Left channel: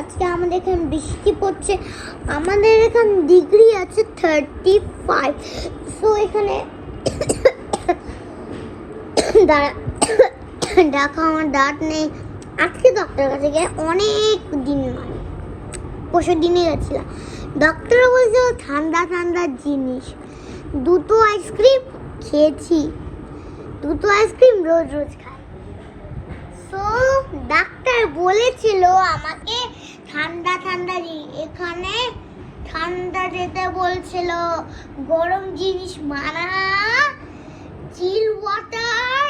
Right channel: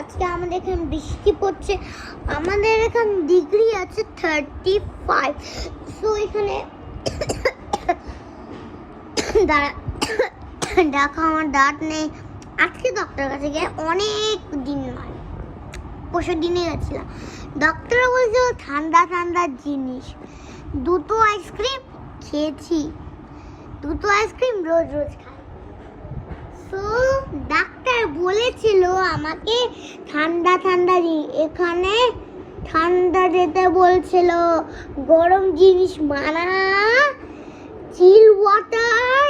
আজকে আমাদের এখানে বৃষ্টি পড়ছে। আমাদের এখানে ডিগ্রি আছে 35। সো এখানে দেখো আমার দাঁত নেই। আজকে ডক্টরের কাছে গিয়ে অনেক দিন নয়, পরশু দিনে গেছিলাম। ডক্টর বলছে ঠান্ডা ঠান্ডা জিনিস। দুটো আইসক্রিম খেয়েছি, দুটো আইসক্রিম রোজ রোজ খাই। সো ডাক্তার বলেছিল আমাকে ঠান্ডা ঠান্ডা এখানে ঠান্ডা যেতে বলছিল, গরম জিনিস মানা, চিল ওয়াটার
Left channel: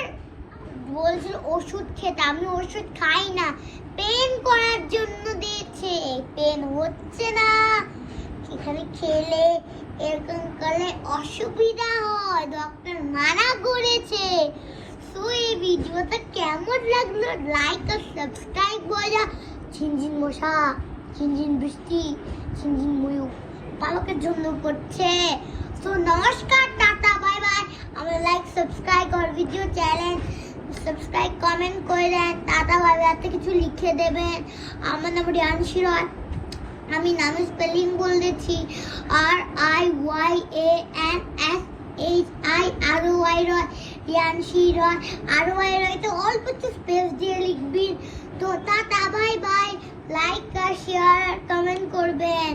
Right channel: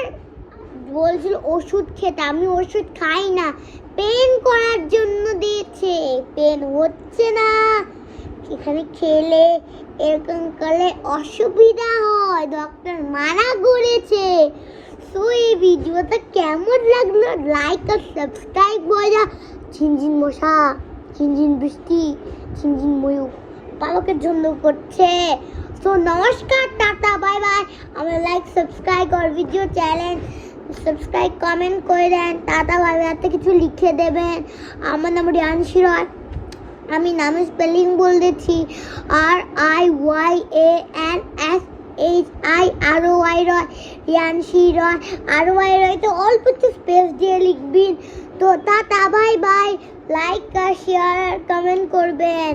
বলছিল, ওষুধ খেতে। আমি ওষুধ খাই না, পেন করার জন্য দিয়েছে, পেন হচ্ছে না। এখানে খেলে এরকম করলে অসুবিধা হয়, ডক্টর মানা করেছে। সো এই ভিডিওটা কেমন লাগলো লাইক আর সাবস্ক্রাইব করে যা। ঝিনঝিন মশা, ঝিনঝিন বৃষ্টি, ঝিনঝিন ময়ূর পালকের জন্য করছে। সো নমস্কার, টাটা, বাই বাই। আমার লাইক সাবস্ক্রাইব আর ভিডিও চ্যানেল সাবস্ক্রাইব কমেন্ট করে দেন। টাটা বাই বাই, এত কিছু লিখে দেবেন। আমার নাম রিয়ানশী রয়। আমি নামের স্পেলিং বলে দিচ্ছি, RYANSHIROY রয়, রিয়ানশী রয়। RY রয় তো অল্প একটু স্পেস দিয়ে লিখবেন। তো টাটা বাই বাই, লাইক আর শেয়ার কমেন্ট করবেন।